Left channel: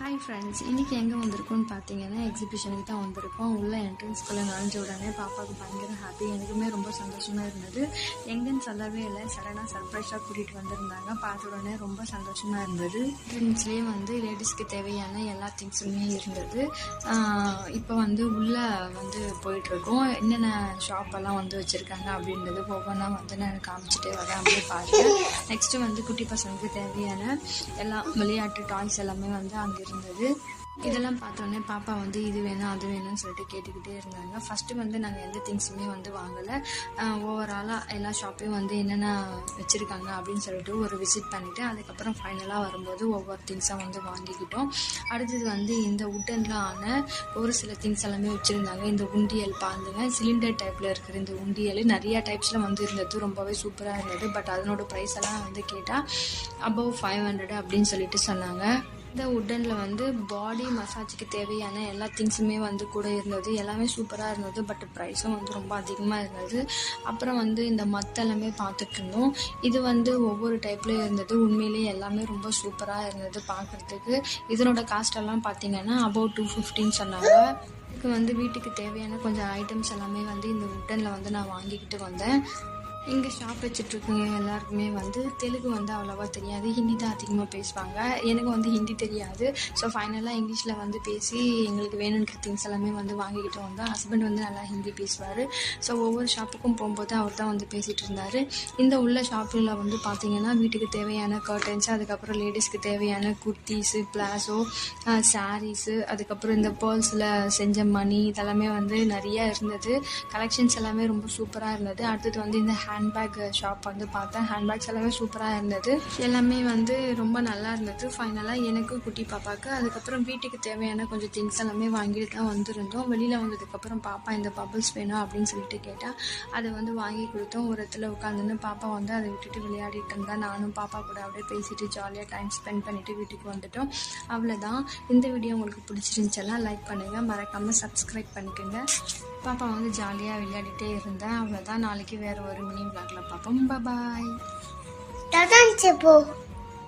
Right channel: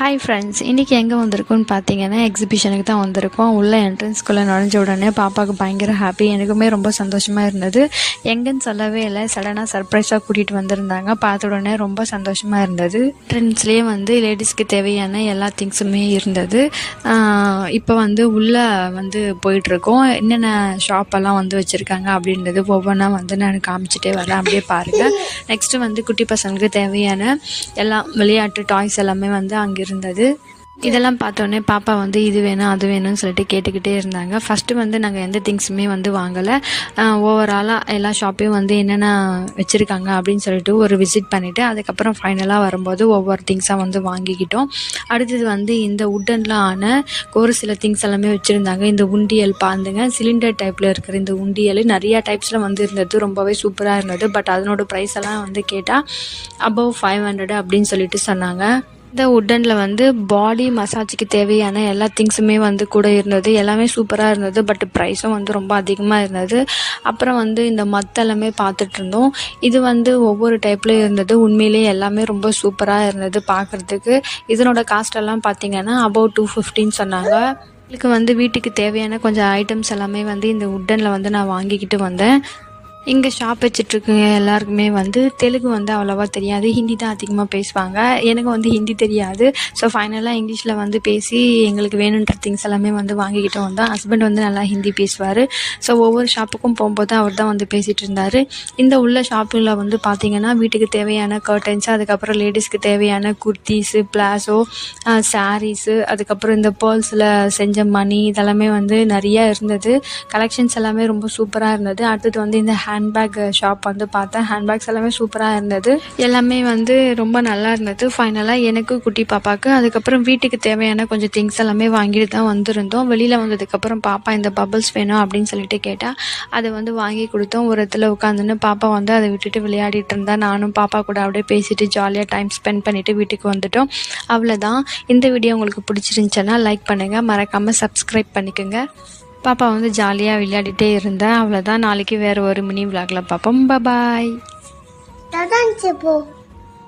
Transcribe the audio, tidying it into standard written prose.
Hi friends, இன்றைக்கி எங்கே வந்திருக்கோன்னு பார்த்தீங்கன்னா எக்ஸிபிஷனுக்கு தான் வந்திருக்கோம். உள்ள என்ட்ரன்ஸ்குள்ளே நுழைஞ்ச உடனே பாப்பாவுக்கு பயங்கர ஹாப்பி, எனக்குமே ரொம்ப சந்தோஷமாக இருந்தது. எங்கேன்னு சொல்லவே இல்லை, சடனாக சர்ப்ரைஸாக கூட்டிகிட்டு வந்திருந்தாங்க. பார்த்த உடனே ரொம்ப சந்தோஷமாக இருந்தது. என்ட்ரன்ஸ்லேயே லேடிஸ்க்கு தேவையான எல்லா திங்ஸுமே இருந்தது. இப்போ உள்ளே போயிட்டுருக்கோம். என்னென்ன ஷாப்பெல்லாம் வச்சுருக்காங்க அப்படின்றது ஒவ்வொன்றா நான் காமிச்சிட்டே வரேன், அப்படியே பாருங்கள். நெக்ஸ்ட்டு குட்டி பசங்களுக்கு தேவையான எல்லா விளையாட்டு டாய்ஸ் எல்லாமே அங்கே இருந்தது. இதெல்லாம் பார்த்தோன்னே பாப்பா இது வேணும் அது வேணும்னு சொல்லிட்டு கேட்டுக்கிட்டே இருந்தாங்க. ஃபஸ்ட்டு நாங்கள் எந்த திங்ஸுமே வாங்கலை. ஓவராலாக எல்லா ஷாப்பையும் என்னென்ன வச்சுருக்காங்க அப்படின்னு சொல்லிட்டு ஒரு விசிட் பண்ணிவிட்டு அதுக்கப்புறம் ஃபைனலாக வரும்போது ஒவ்வொரு திங்ஸாக வாங்கிக்கிட்டோம். அடுத்தது இந்த உட்டனில் ஆன ஒரு சில திங்ஸ் எல்லாமே வச்சுருந்தாங்க. இந்த உண்டியல் பாருங்க, சிலிண்டர் டைப்பில் இருக்கிற இந்த உண்டியல் நிறையா டைப்ஸில் இருந்தது. ரொம்பவே சூப்பராக இருந்தது. பட் அதனோட ப்ரைஸ் எல்லாம் கேட்டால் அபவ் 500 அப்படின்னு சொல்லிட்டு சொன்னாங்க. இந்த உட்டனில் பாடி மசாஜுக்கு தேவையான எல்லா திங்ஸுமே கூட இருந்தது. எல்லாமே சூப்பராக இருந்தது. பட் ப்ரைஸும் ரொம்ப அதிகமாக இருந்தது. அப்புறம் இந்த மத்தெல்லாமே பார்த்துட்டு இருந்தோம். இது ஒவ்வொரு டைப்லேயும் இருந்தது. உண்மையிலேயே எல்லாமே ரொம்ப சூப்பராக இருந்தது பார்க்குறதுக்கு. இதனோட காஸ்டெல்லாம் பார்த்திங்கன்னா அபவ் 250 சொன்னாங்க. எனக்கு வீட்டுக்கு தேவையான கொஞ்சம் ஐட்டம்ஸ் எல்லாமே இந்த உட்டனில் நான் வாங்கிக்கிட்டு வந்தேன். இங்கே ஷாப் வச்சிட்ருக்குங்க எல்லாருக்குமே தெலுங்கு அவ்வளோவா தெரியாது, ஹிந்தி தான் அதிகமாக பேசுவாங்க. எனக்கு ஹிந்தி தெரியாது. ஸோ ஃபைனலாக இங்கிலீஷில் பேசி எங்களுக்கு வேணுன்ற திங்ஸ் எல்லாமே வாங்கிக்கிட்டு வந்தோம். ஹஸ்பண்ட் நல்லா ஹிந்தி பேசுவார். ஸோ ஒவ்வொரு ஷாப்புக்கும் போகும்போது அவர் தான் பேசிகிட்டு இருந்தார். இந்த உள்ள ஷாப்பில் பார்த்திங்கன்னா வீட்டுக்கு தேவையான கர்டன்ஸ், அதுக்கப்புறம் லேடிஸ்க்கு தேவையான குர்த்திஸு, பிளாசோ, சாரீஸு, அதுக்கப்புறம் இந்த பேர்ல்ஸில் செஞ்ச மணி இதெல்லாமே நிறையா இருந்தது. கலெக்ஷன்ஸ் எல்லாமே ரொம்ப சூப்பராக இருந்தது. அடுத்தது இந்த ஹேண்ட்பேக் ஷாப் பார்த்தேன். ஹேண்ட்பேக்ஸ் எல்லாமே சூப்பராக இருந்தது. எல்லாமே ரொம்ப நல்லா இருந்தது. ஃபைனலாக எனக்கு குட்டி பாப்பாவுக்கு அதுக்கப்புறம் வீட்டுக்கு தேவையான கொஞ்சம் திங்ஸ் எல்லாமே வாங்கிட்டு தான் வந்திருந்தோம். வெளியில் வந்ததுக்கப்புறம் பாப்பா இந்த பபிள்ஸ் வேணும் அப்படின்னு சொல்லிட்டு கேட்டால் அதை வாங்கி கொடுத்தோம். ஒரு இடத்துல உட்காந்துன்னு பாப்பா அதை விட்டுட்டு விளையாடிட்டு இருந்தா. நானும் பாப்பா கூட அப்படியே பேசிட்டு ஜாலியாக டைம் ஸ்பெண்ட் பண்ணிவிட்டு வீட்டுக்கு வந்துட்டோம். அவ்வளோதான். இந்த வீடியோ உங்களுக்கு பிடிச்சிருந்துச்சுன்னா லைக் பண்ணுங்கள், மறக்காமல் சப்ஸ்கிரைப் பண்ணிக்கோங்க. பாப்பா ஜாலியாக விளையாடிட்டே இருந்தேன். அவ்வளோதான். நாளைக்கு வேறு ஒரு மினி விளாகில் பார்ப்போம். பாய்.